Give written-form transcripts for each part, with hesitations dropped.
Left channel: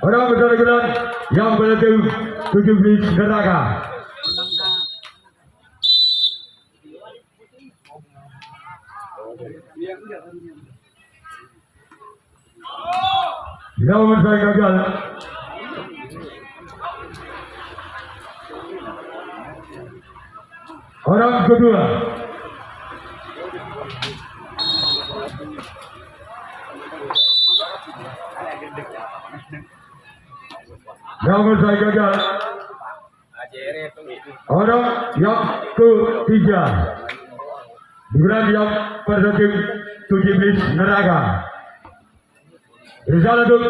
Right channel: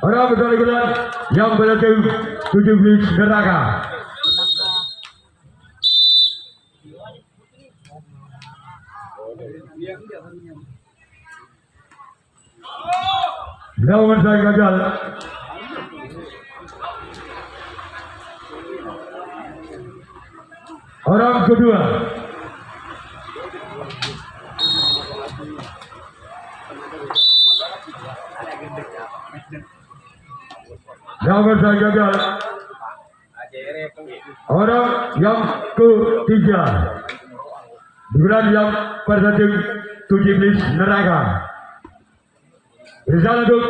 Orang bersangkutan yang berhasil 17 neraka. Nomor saya gagal. Orang kedua. Nomor saya gagal. Orang yang ketiga. Bulan yang berhasil 17 neraka. Berjalan untuk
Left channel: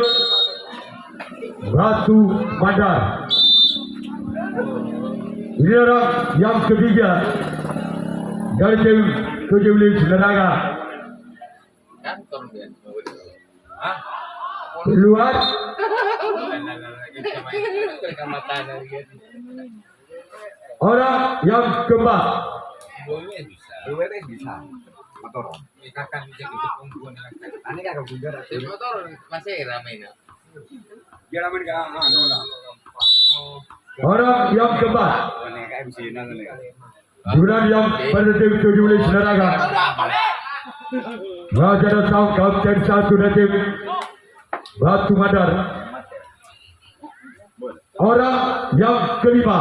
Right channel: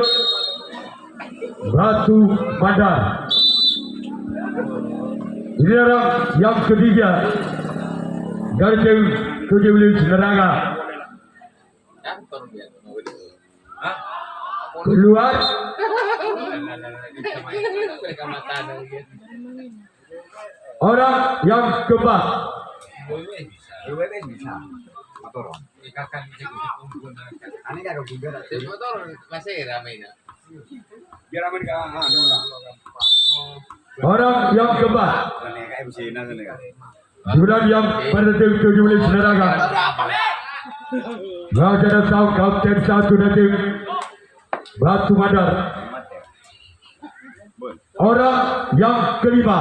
Batu Bandar. Ini orang yang ketiga dari tim 17 neraka. Keluar. Orang yang keempat. Bisa motor. Ani kagak juga. Motor masih ramai nak. Biar amin ka anu lah. Orang yang keempat. Ini kayak MC nang ini. Bulan yang pada tim 17 neraka. Raja Sang Kapten 1 dari tim Batu Bandar. Orang yang kelima.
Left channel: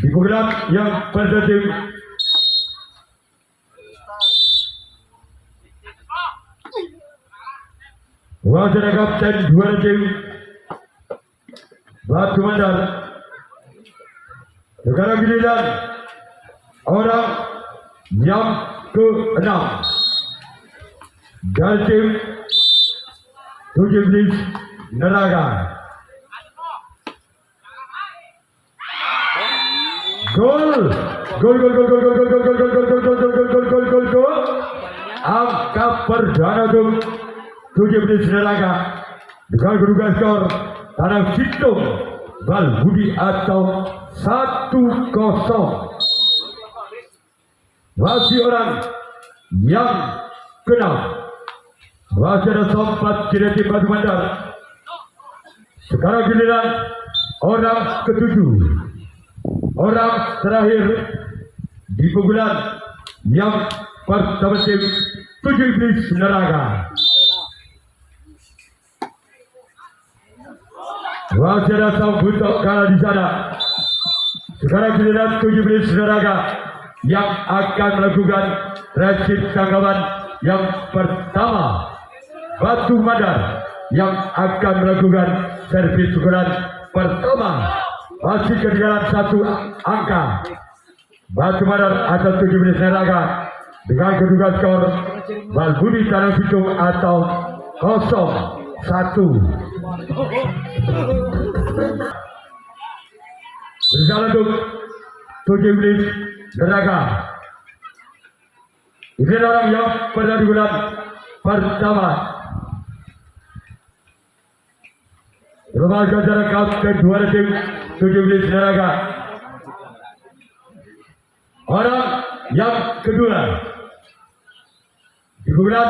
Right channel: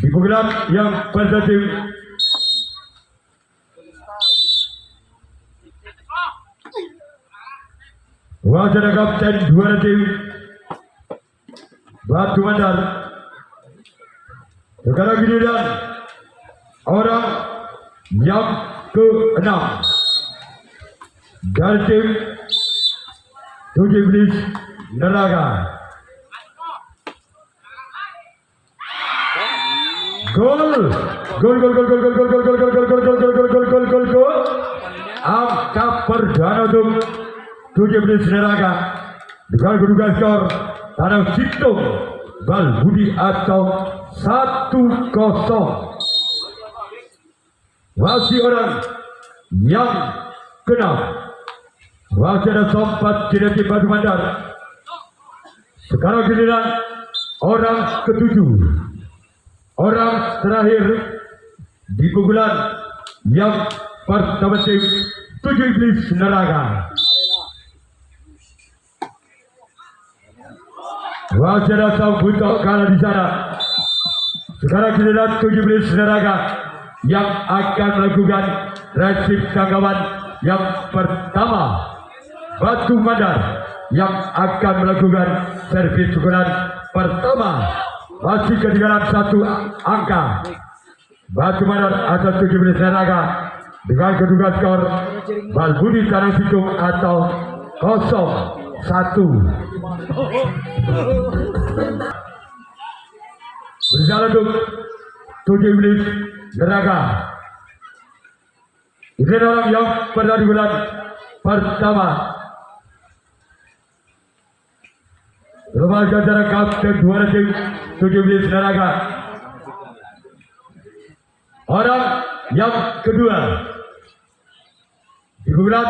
Di bulan yang pada tim Wajah Kapten 2 tim Batu Bandar. Sekarang giliran orang yang ke-6 dari tim 17 neraka. Gol. Angka perdana untuk 17 neraka dengan kedudukan skor Tanah Situng Balbudi atau 1-0. Masih orang yang ke-6 masih ada sempat tidak tim Batu Bandar. Sekarang giliran orang ke-7, orang terakhir di pukulan yang pertama tim 17 neraka. Masih ada sambut kalah di sana. Sekarang giliran 17 neraka yang akan melakukan resip tanggapan yang pertama. Batu Bandar yang akan melakukan servis pukulan pertama. Masih ketinggalan 1 angka. Batu Bandar atau 17 neraka dengan kedudukan skor Balbudi Tanah Situng atau 0-1. Berjalan untuk 17 neraka. Ini orang yang pernah di bulan pertama. Remaja jarak kapten 2 tim 17 neraka. Orang yang kedua di bulan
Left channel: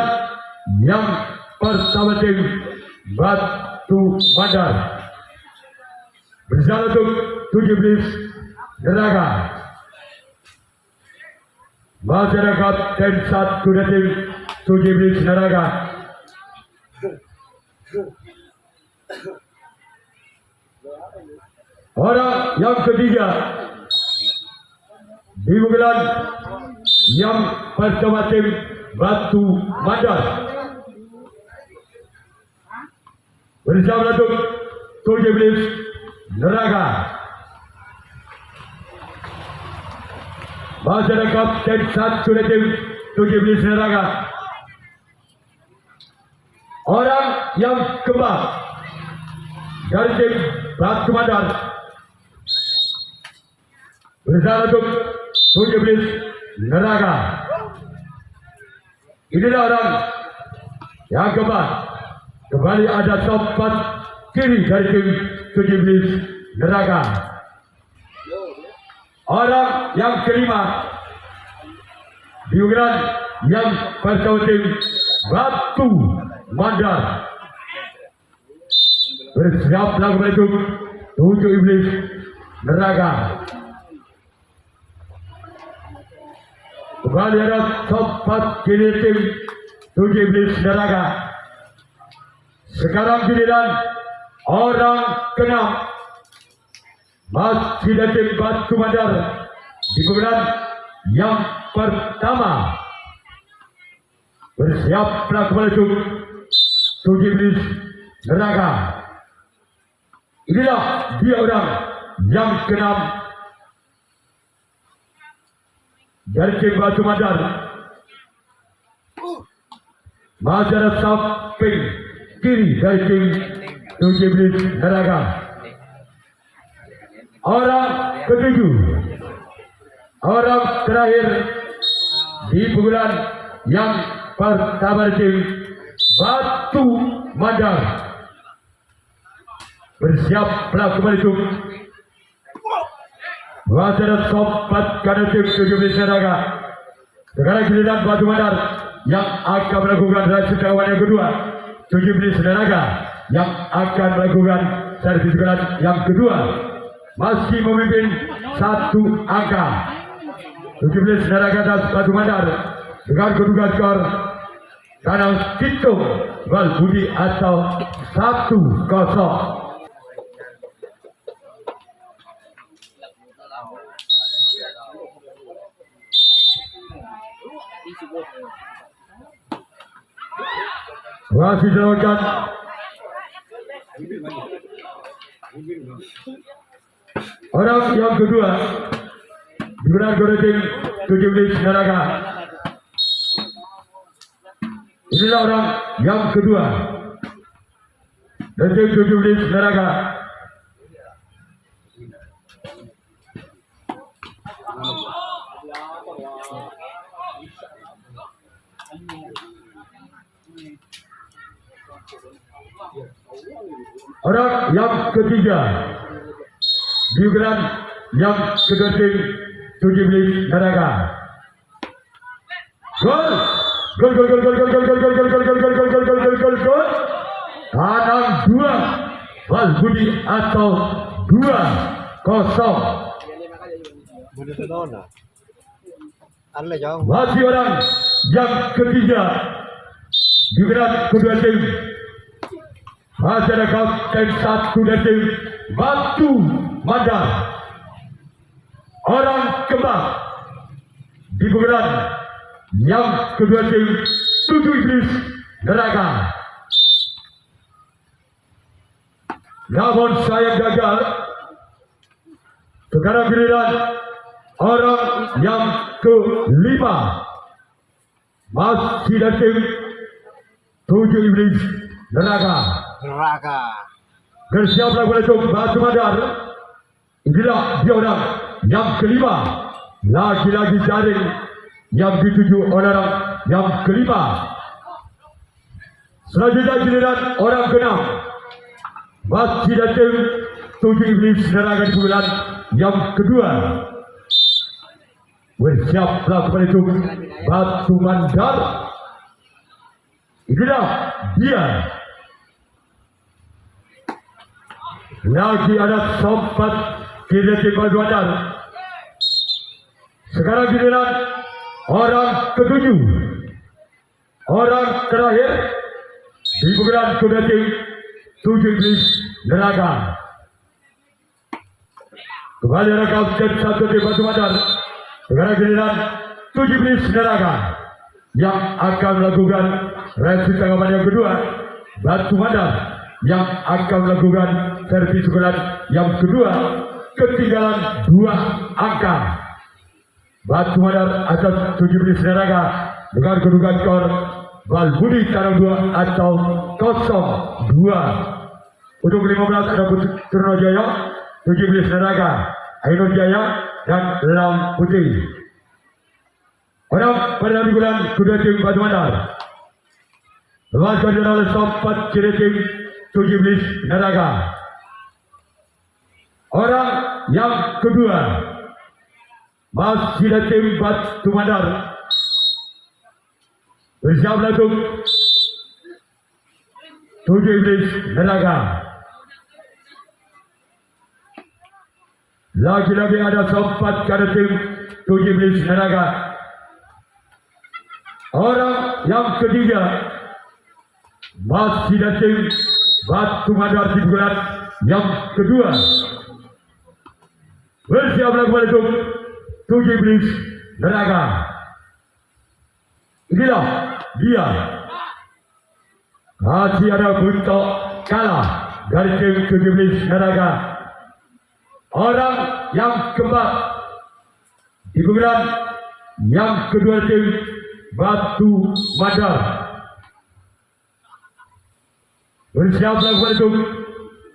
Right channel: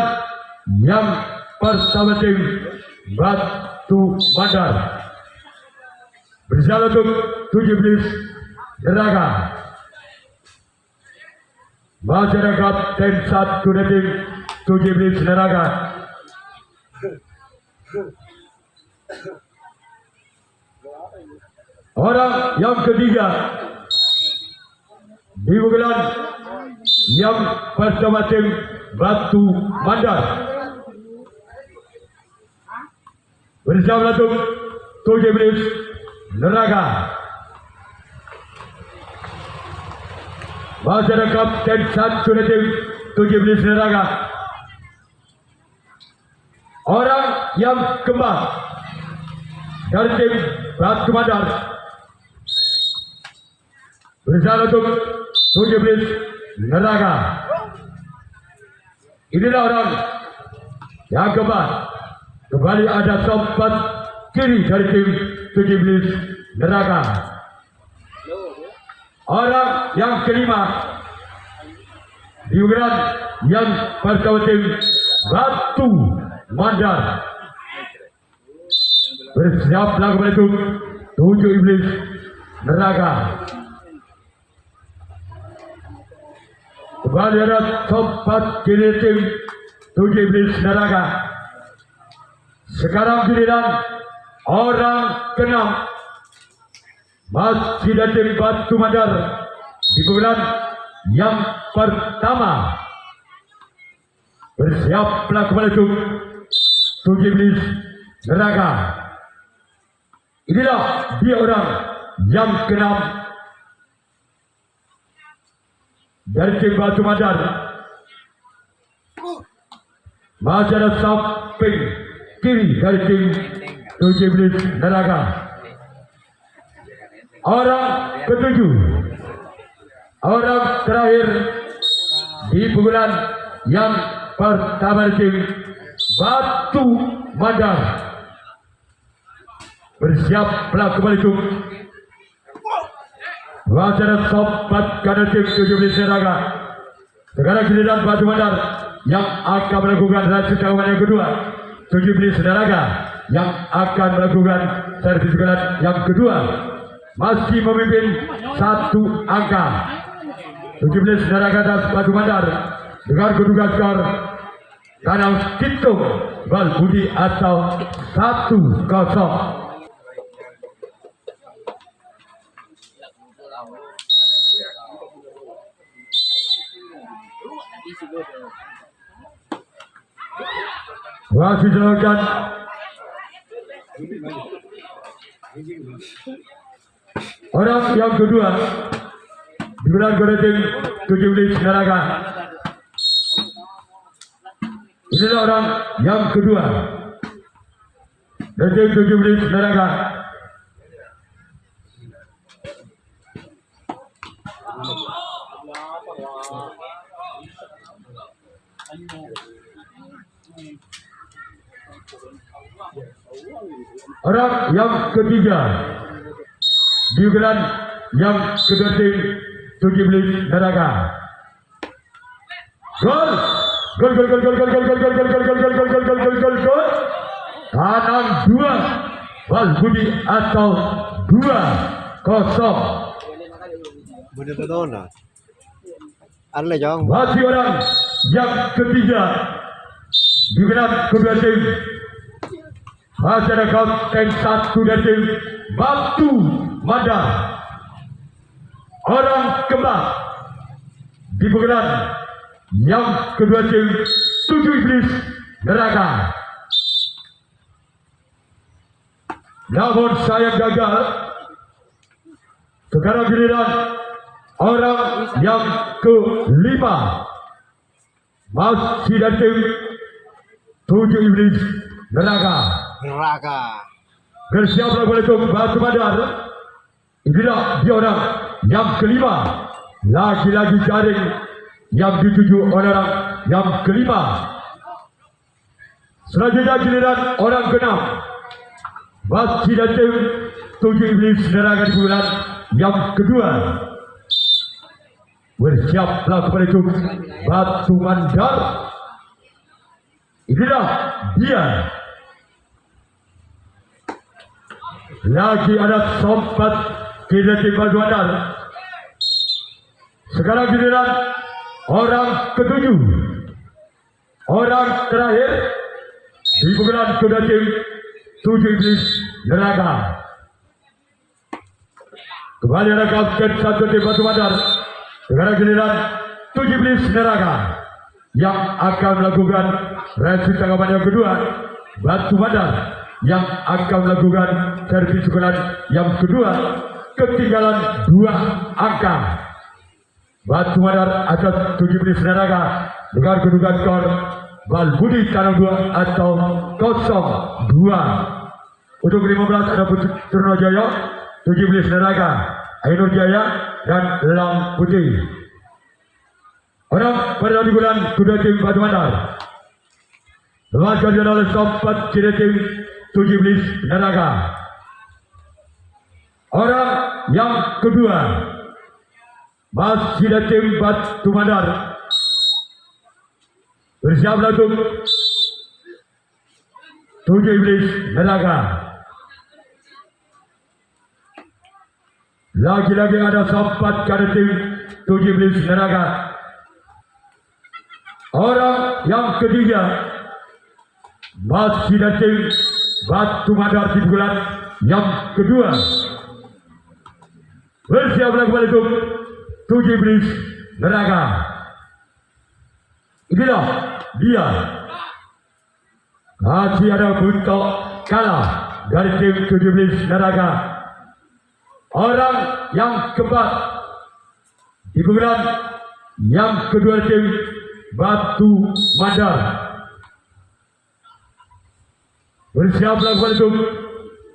yang pertama tim Batu Bandar. Berjalan untuk 17 neraka. Masyarakat kapten 1 dari tim 17 neraka. Orang yang ketiga di bulan yang pertama tim Batu Bandar. Bersama untuk 17 neraka. Masyarakat kapten 1 dari tim 17 neraka. Orang yang keempat dari tim Batu Bandar. Bersama untuk 17 neraka. Inilah orang yang keempat. Kembali ada sobat kiri dari tim 17 neraka. Orang yang kelima di bulan yang pertama tim Batu Bandar. Bersiaplah kembali untuk 7 iblis neraka. Kembali ada sobat kini tim 7 iblis neraka. Sekarang giliran orang ke-6 masih dari tim Batu Mandar di pukulan yang pertama. Bersiaplah kembali untuk 7 iblis neraka. Inilah dia orang yang ke-6 dari tim Batu Mandar. Masih ada samping kiri dari tim 7 iblis neraka. Orang ke-7, orang terakhir di pukulan yang pertama dari tim Batu Mandar. Bersiaplah kembali untuk wacana sobat kanan tim 7 iblis neraka. Sekarang giliran Batu Mandar yang akan melakukan reaksi tawanan yang kedua. 7 iblis neraka yang akan melakukan servis kanan yang kedua. Masih memimpin 1 angka. 7 iblis neraka dan Batu Mandar dengan kedudukan skor Kanang Kitung Balbudi atau 1-0. Masih dilakukan orang yang kedua digunakan oleh tim 7 iblis neraka. Inilah orang yang kedua dari tim 7 iblis neraka. Orang yang ketiga di bulan yang kedua tim 7 iblis neraka. Gol, gol, gol, gol, gol, gol, gol, gol, gol, gol, gol, gol, gol, gol, gol, gol, gol, gol. Kanang 2 Balbudi atau 2-0. Bener tahu na. Ada jong. Masih orang yang ketiga di bulan kedua tim. Masih ada kapten 1 dari tim Batu Mandar. Orang keempat di bulan yang kedua tim 7 iblis neraka. Namun saya gagal. Sekarang giliran orang yang kelima masih dari tim 7 iblis neraka. Bersiaplah oleh tim Batu Mandar. Inilah dia orang yang kelima. Lagi-lagi jaring yang dituju oleh orang yang kelima. Selanjutnya giliran orang ke-6 masih dari tim 7 iblis neraka di bulan yang kedua. Bersiaplah kepada itu Batu Mandar. Inilah dia. Lagi ada sobat kiri tim Batu Mandar. Sekarang giliran orang ke-7, orang terakhir di bulan kedua tim 7 iblis neraka. Kembali ada kapten 1 tim Batu Mandar. Sekarang giliran 7 iblis neraka yang akan melakukan reaksi tanggapan yang kedua. Batu Mandar yang akan melakukan servis ukuran yang kedua. Ketinggalan 2 angka. Batu Mandar atas 7 iblis neraka dengan kedudukan skor Balbudi Kanang 2 atau 0-2. Untuk 15 ada Purno Jaya, 7 iblis neraka, Ainur Jaya dan Lam Putih. Orang pada di bulan kedua tim Batu Mandar. Lawan oleh sobat kiri tim 7 iblis neraka. Orang yang kedua masih dari tim Batu Mandar. Bersiaplah untuk 7 iblis neraka. Lagi-lagi ada sempat pada tim Tujuh Iblis Neraka. Orang yang ketiga masih dari tim Batu Mandar di bulan yang kedua. Bersiaplah kembali untuk Tujuh Iblis Neraka. Inilah dia. Masih ada bentuk kalah dari tim Tujuh Iblis Neraka. Orang yang keempat di bulan yang kedua tim Batu Mandar. Bersiaplah kembali untuk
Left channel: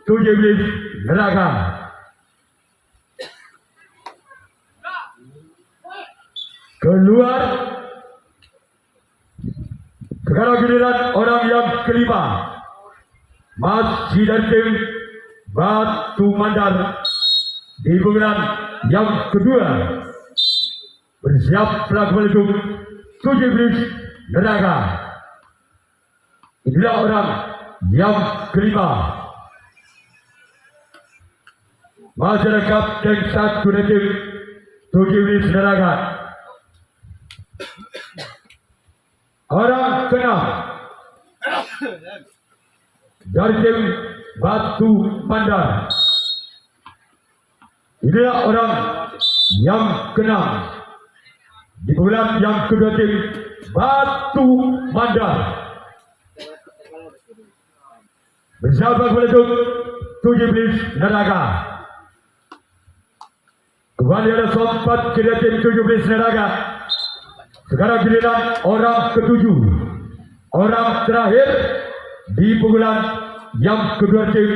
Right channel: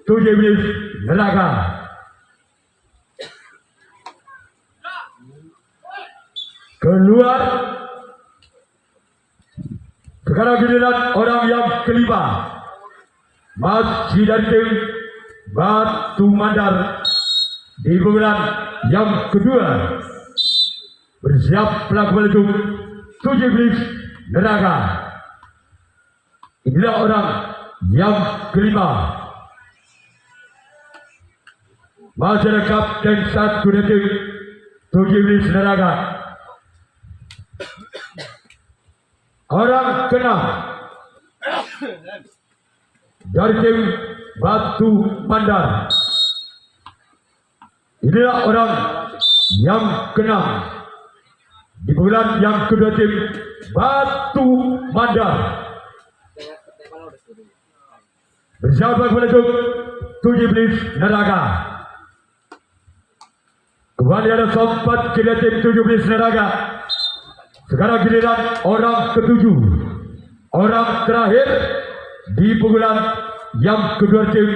Tujuh Iblis Neraka. Keluar. Sekarang giliran orang yang kelima. Masih dari tim Batu Mandar di bulan yang kedua. Bersiaplah kembali untuk Tujuh Iblis Neraka. Inilah orang yang kelima. Masyarakat kapten satu dari tim Tujuh Iblis Neraka. Orang keenam dari tim Batu Mandar. Inilah orang yang keenam di bulan yang kedua tim Batu Mandar. Bersahabat untuk Tujuh Iblis Neraka. Kembali ada sempat kedua tim Tujuh Iblis Neraka. Sekarang giliran orang ketujuh, orang terakhir di bulan yang kedua tim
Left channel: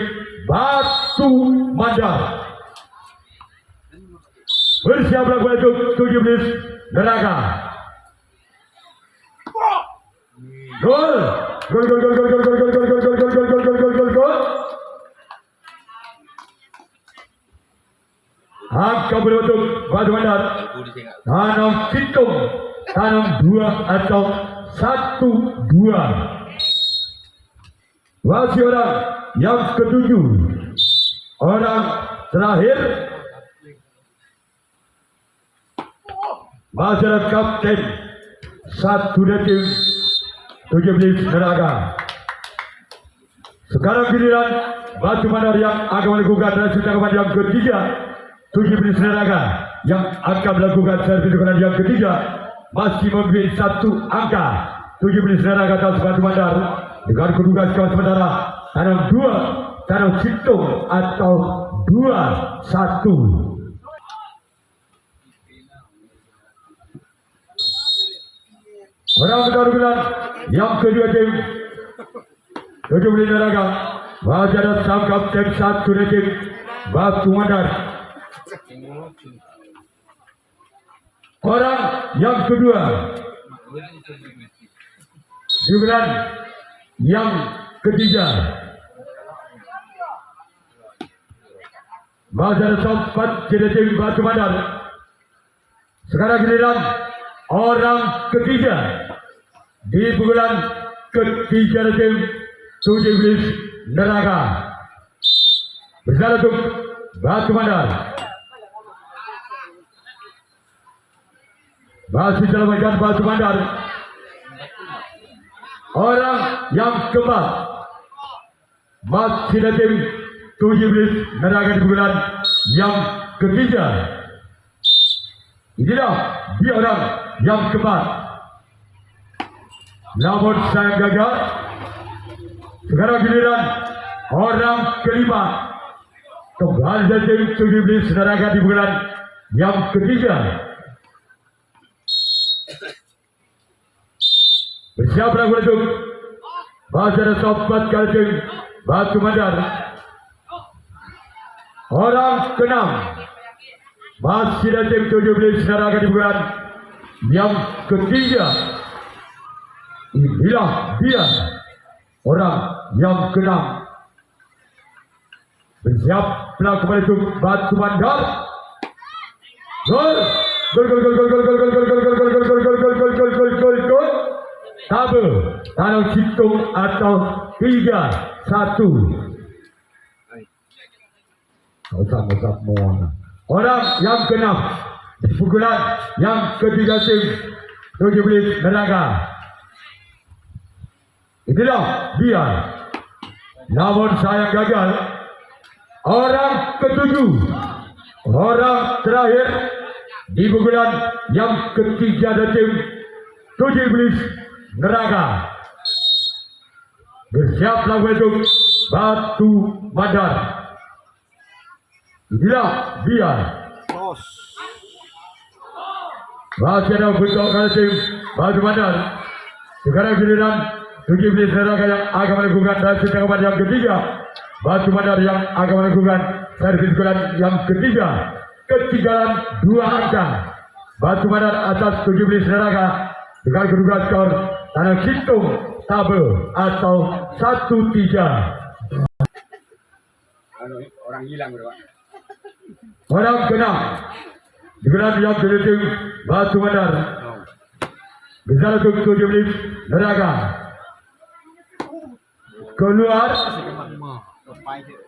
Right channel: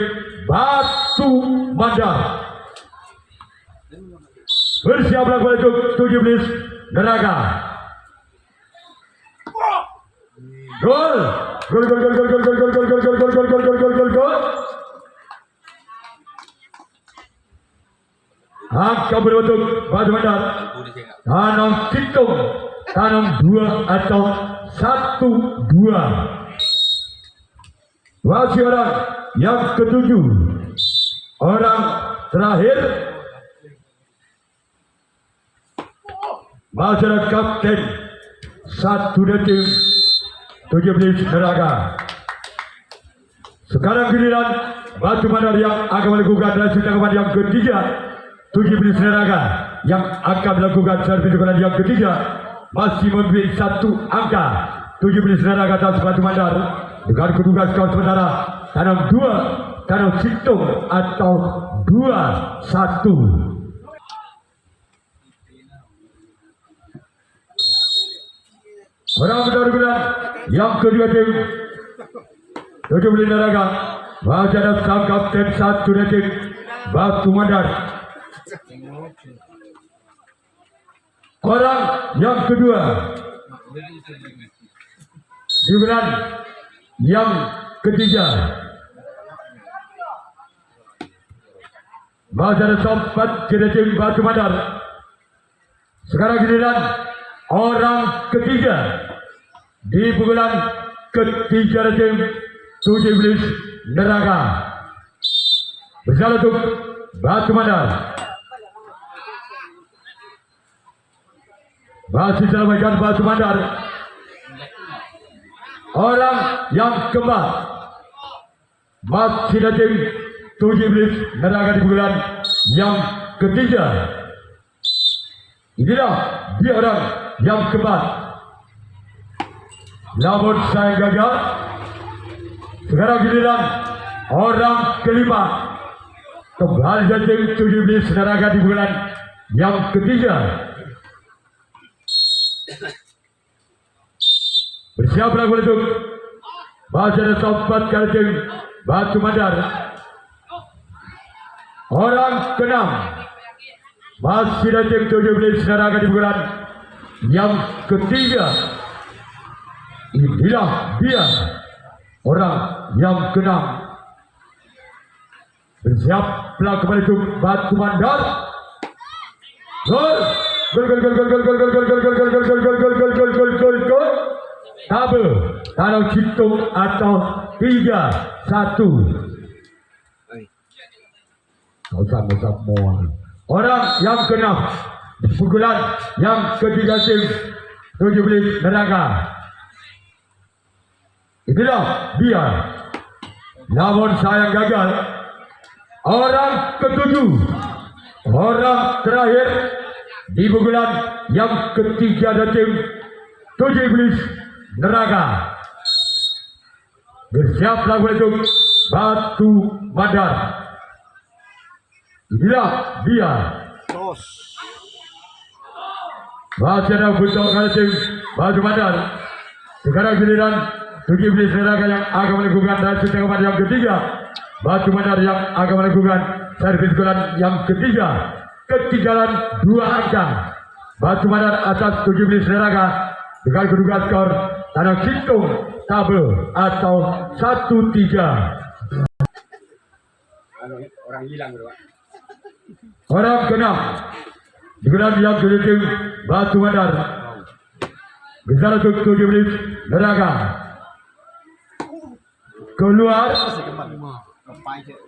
Batu Mandar. Bersiaplah untuk Tujuh Iblis Neraka. Gol, gol, gol, gol, gol, gol, gol, gol, gol, gol, gol, gol, gol, gol, gol, gol, gol. Angka berbentuk Batu Mandar. Tanam hitung, tanam 2 atau 1-2. Masih orang yang ketujuh, orang terakhir. Masyarakat kapten satu dari tim Tujuh Iblis Neraka. Sekarang giliran Batu Mandar yang akan melakukan hasil tanggapan yang ketiga. Tujuh Iblis Neraka yang akan melakukan servis tanggapan yang ketiga. Masih memiliki satu angka. Tujuh Iblis Neraka atas Batu Mandar dengan kedudukan skor sementara tanam 2, tanam hitung atau 2-1. Orang berbulan yang kedua tim Tujuh Iblis Neraka. Masih ada sang kapten satu dari tim Batu Mandar. Orang yang kedua di bulan yang ketiga. Masih ada sempat dari tim Batu Mandar. Sekarang giliran orang ketiga di bulan ketiga dari tim Tujuh Iblis Neraka. Berjalan untuk Batu Mandar. Masih selamatkan Batu Mandar. Orang yang keempat masih dari tim Tujuh Iblis Neraka di bulan yang ketiga. Inilah dia orang yang keempat. Namun saya gagal. Sekarang giliran orang kelima. Kembali dari tim Tujuh Iblis Neraka di bulan yang ketiga. Bersiaplah untuk masih ada sempat kali tim Batu Mandar. Orang keenam masih ada tim Tujuh Iblis Neraka di bulan yang ketiga. Inilah dia orang yang keenam. Bersiaplah kembali untuk Batu Mandar. Gol, gol, gol, gol, gol, gol, gol, gol, gol, gol, gol, gol, gol, gol, gol, gol, gol, gol, gol. Tabel, kalau hitung atau 3-1. Kau sama-sama. orang yang ke-6 di pukulan yang ketiga tim 17 Neraka. Inilah dia. Namun sayang gagal. Orang ke-7, orang terakhir di pukulan yang ketiga dari tim 17 Neraka. Bersiaplah untuk Batu Bandar. Inilah dia. Terus. Masih ada bentuk kali tim Batu Bandar. Sekarang giliran 17 Neraka yang akan melakukan servis tanggapan yang ketiga. Batu Bandar yang akan melakukan servis gulan yang ketiga. Ketinggalan 2 angka. Batu Bandar atas 17 Neraka dengan kedudukan skor tanah hitung tabel atau 1-3. Orang hilang bro. Orang ke-6 digunakan yang kedua tim Batu Bandar. Bisa untuk 17 Neraka. Keluar.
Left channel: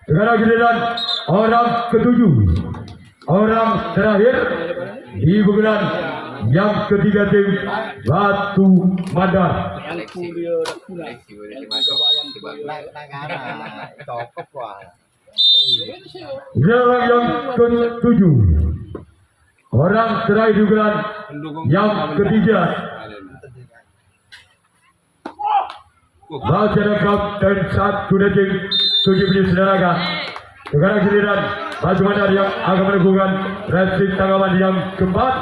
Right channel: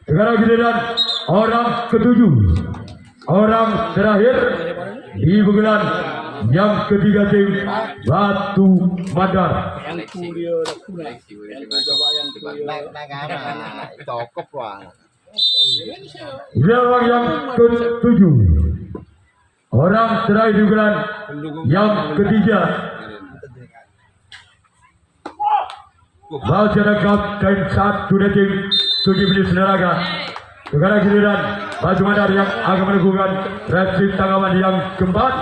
Sekarang giliran orang ke-7, orang terakhir di pukulan yang ketiga tim Batu Bandar. Seleksi boleh dimasuk. Cokok wah. Orang yang ke-7, orang terakhir di pukulan yang ketiga. Masyarakat dan 1 tim 17 Neraka. Sekarang giliran Batu Bandar yang akan melakukan servis tanggapan yang keempat.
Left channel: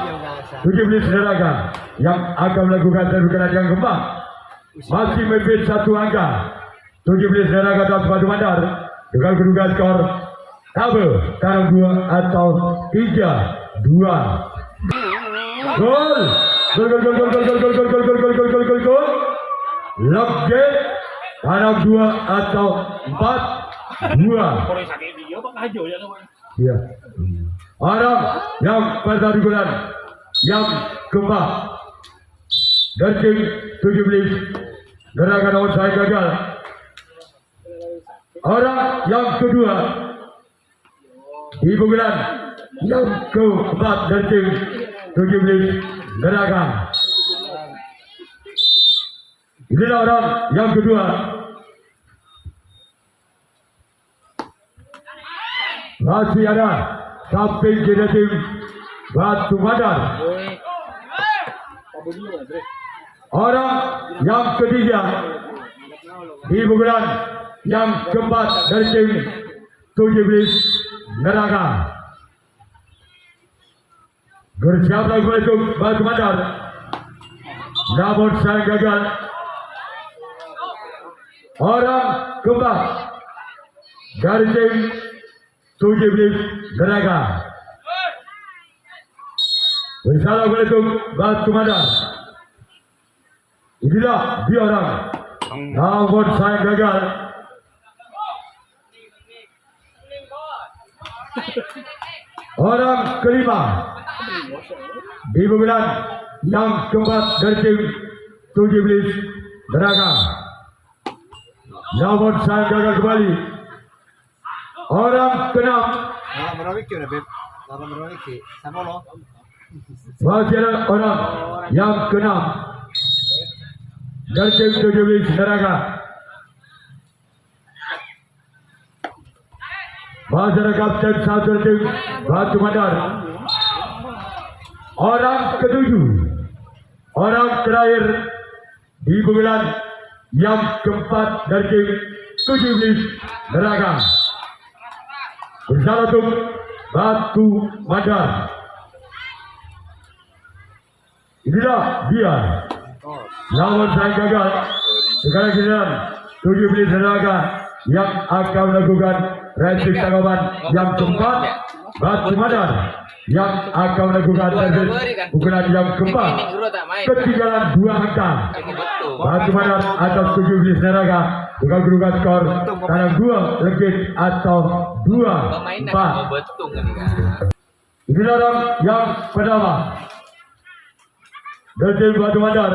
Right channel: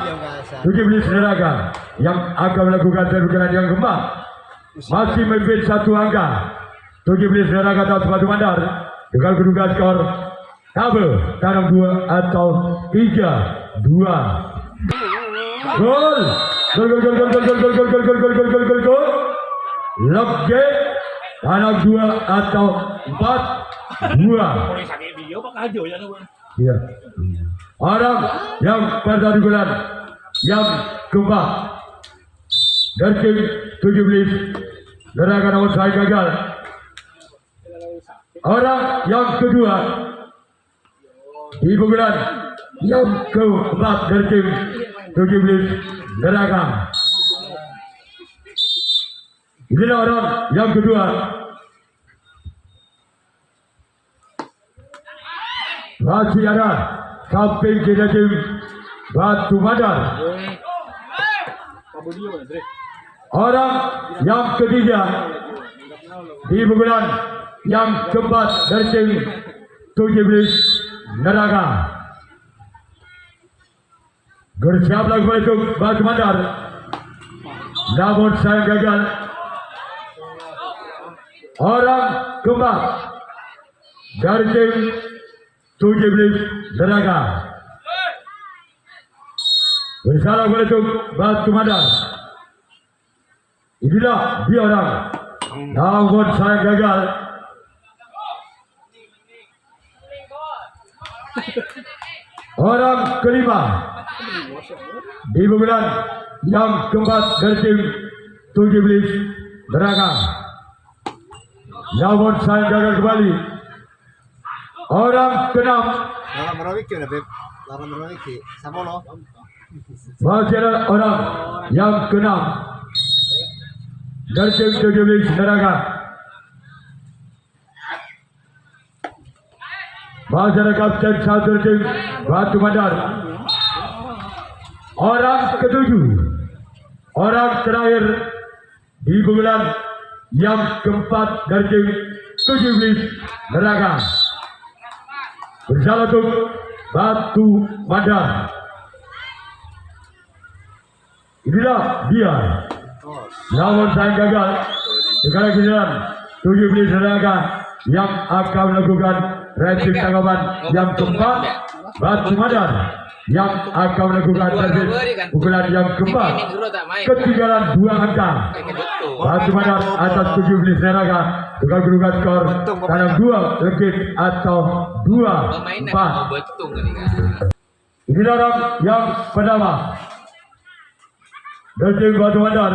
17 Neraka yang akan melakukan servis yang keempat. Masih memimpin 1 angka. 17 Neraka atas Batu Bandar dengan kedudukan skor tabel tanam 2 atau 3-2. Gol. Gol. Logge tanam 2 atau 4-2. Ya. Orang yang pertandingan yang keempat dari tim 17 Neraka namun saya gagal. Orang yang kedua di pukulan yang keempat dari tim 17 Neraka. Inilah orang yang kedua. Masih ada samping kiri tim Batu Bandar. Orang yang ketiga di pukulan yang keempat dari tim 17 Neraka. Bersiaplah untuk Batu Bandar. Namun saya gagal. Orang keempat dari tim 17 Neraka. Assalamualaikum Batu Bandar. Inilah dia orang. Namun saya gagal. Orang kelima di pukulan yang keempat dari tim 17 Neraka. Namun saya gagal kembali. Orang keenam Dalam merawik ya Beb. Dalam merawik sih. Sama lo. masih ada orang yang keenam dari tim 17 Neraka. Masih ada kapten 1 tim Batu Bandar. Orang ketujuh, orang terakhir di pukulan yang keempat dari tim 17 Neraka. Bersama untuk Batu Bandar. Inilah dia. Namun saya gagal. Sekarang giliran 17 Neraka yang akan melakukan reaksi tanggapan yang keempat. Batu Bandar yang akan melakukan servis pukulan yang keempat. Ketinggalan 2 angka. Batu Bandar atas 17 Neraka dengan kedudukan skor tanam 2 legit atau 2-4. betung kan kan. Inilah orang yang pertama dari tim Batu Bandar.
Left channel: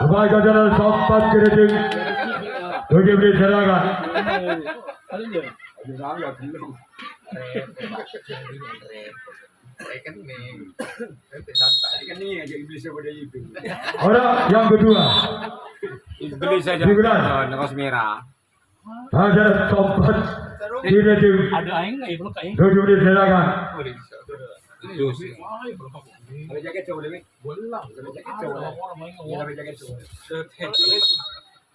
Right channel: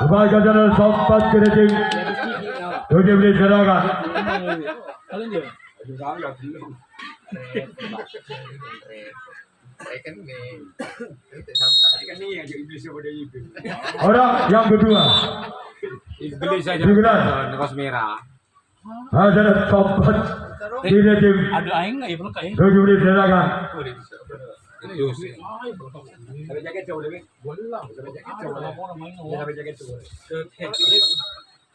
Sebagai jalan sompat ke tim 17 Neraka. Rekening. Nanti santai. Orang yang kedua Iblis saja Digunakan. kaos merah. adalah tempat tidak tim Ada aing nggak ya belum kayak. 7 menit silakan. Boleh bisa. Itu sih.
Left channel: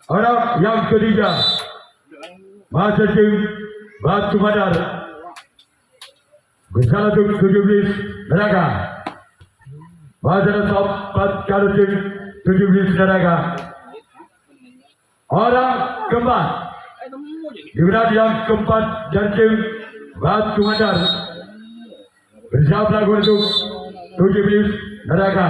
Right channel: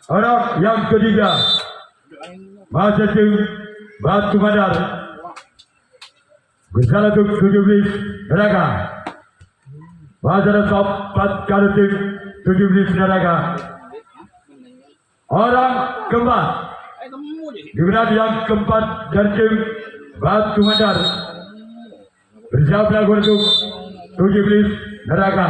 Orang yang ketiga masih tim Batu Bandar bersama tim 17 Neraka. Pada tempat kali tim 17 Neraka. Orang keempat digunakan yang keempat dari tim Batu Bandar bersama untuk 17 Neraka.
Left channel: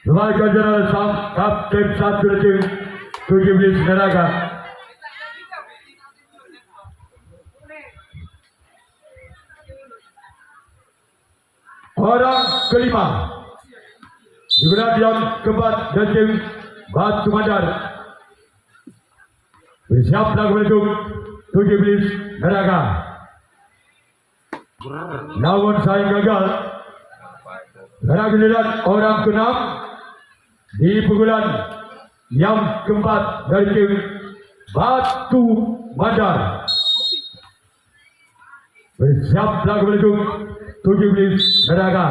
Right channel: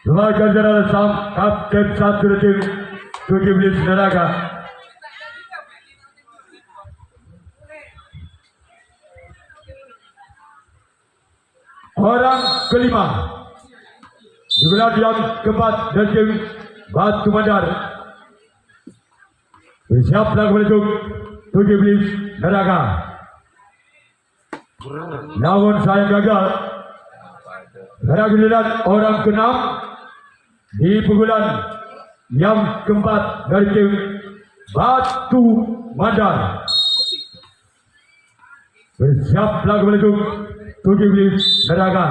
Lembaga Jenderal Sam Kapten satu tim 17 Neraka. Orang kelima digunakan yang keempat dari tim Batu Bandar bersiaplah untuk 17 Neraka. Namun saya gagal. Karena giliran orang keenam di pukulan yang keempat dari tim Batu Bandar bersiaplah untuk 17 Neraka.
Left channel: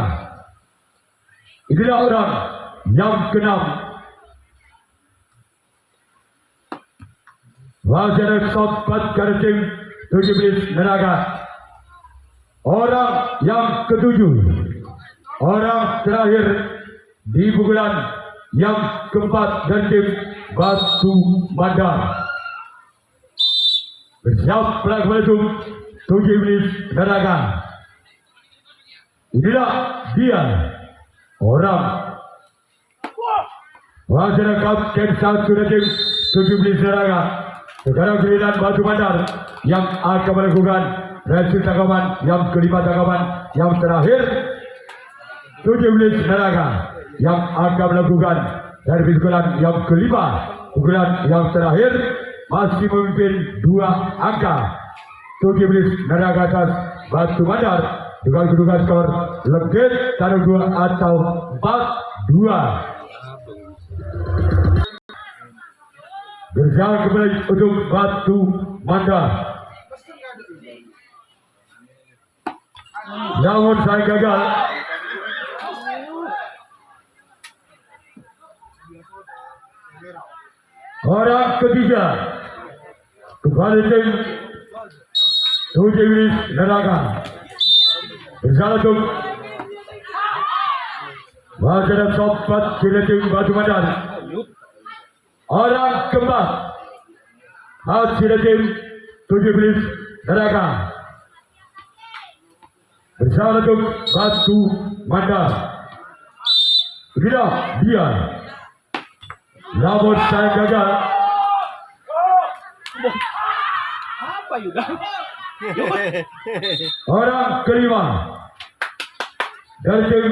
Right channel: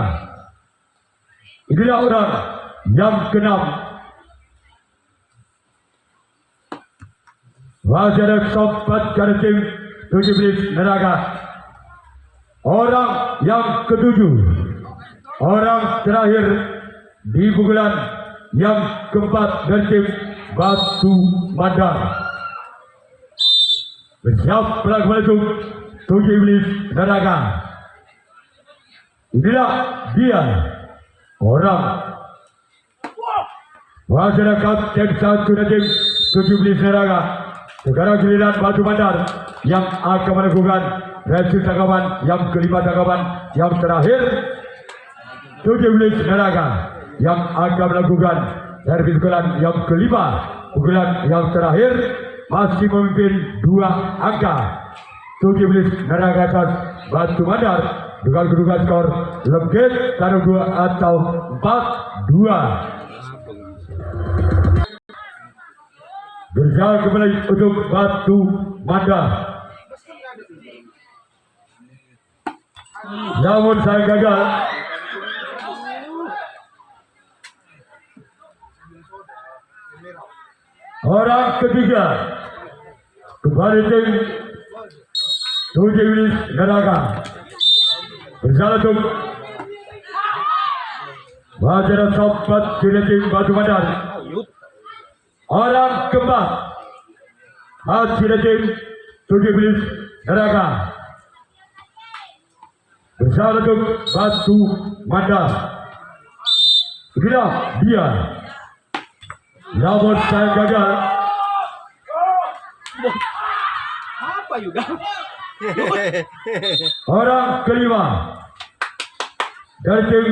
Inilah orang yang keenam. Wajar sempat dari tim 17 Neraka. Orang yang ketujuh, orang terakhir di pukulan yang keempat dari tim Batu Bandar. Bersiaplah untuk 17 Neraka. Inilah dia orang wajar kapten satu dari tim 17 Neraka. Sekarang giliran Batu Bandar yang akan melakukan reaksi tanggapan yang kelima, tanggapan yang terakhir 17 Neraka yang akan melakukan servis pukulan yang kelima, pukulan yang terakhir masih memimpin 2 angka. 17 Neraka atas Batu Bandar dengan kedudukan skor lebih 1-2 atau 4-2. Berjalan kembali untuk Batu Bandar. Namun saya gagal. Orang ketiga kembali tim 17 Neraka berjalan untuk wajar sempat di tim Batu Bandar. Orang keempat hasil tim 17 Neraka bersama untuk Batu Bandar. Beginilah dia. Namun saya gagal. Apa juga? Orang kelima dari tim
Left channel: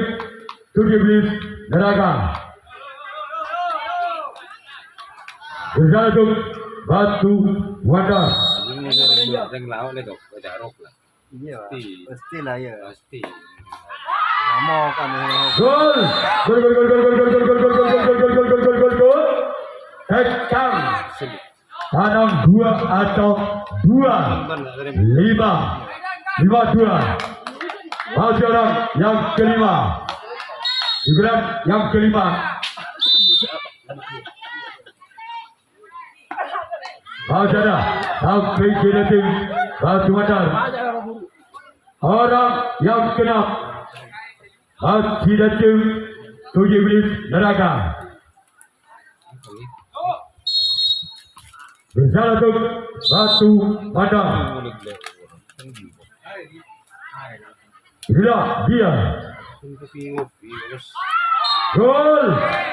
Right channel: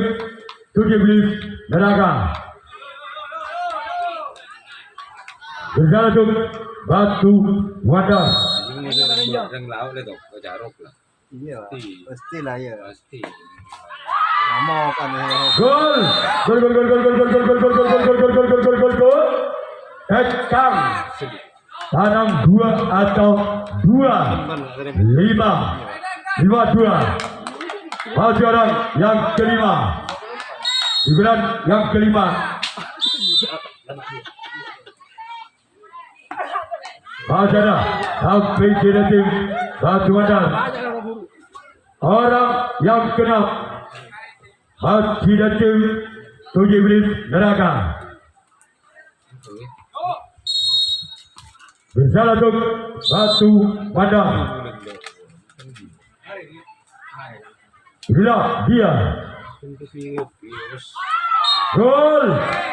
17 Neraka bersama untuk Batu Bandar. Ini kan laut le dok, jarok lah. Iya, Pasti. pastilah ya. Pasti. Mau kan ya. Gol! Gol! Gol! Gol! Gol! Gol! Gol! Gol! Gol! Gol! Gol! Gol! Gol! Gol! Gol! Gol! Tekang tanam 2 atau 2 5 5-2. Masih orang yang kelima giliran yang kelima masih ada sampai di tim Batu Bandar. Orang yang keenam masih di tim 17 Neraka bersama untuk Batu Bandar. Inilah dia. Gol!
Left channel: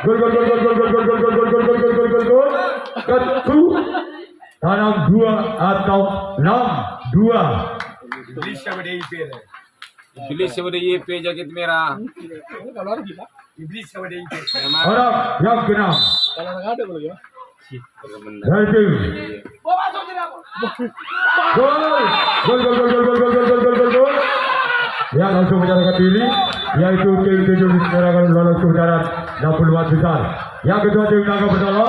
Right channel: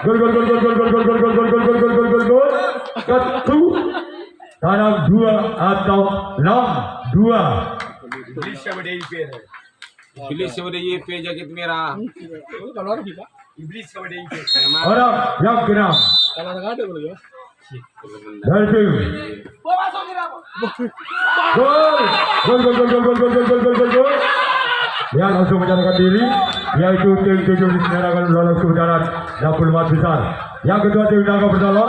Gol! Gol! Gol! Gol! Gol! Gol! Gol! Gol! Gol! Gol! Gol! Gol! Gol! Gol! Satu tanam 2 atau 6-2. Iblis sama DYP jaket merah. Kalau orang bisa. Yang mana? Orang yang keenam Kalau orang ada boleh ya. dari tim gol ya langsung menyatakan diri yaitu tim 7 Merah akan lolos ke putaran 64 besar. Yang kedua tim Naga Bertolak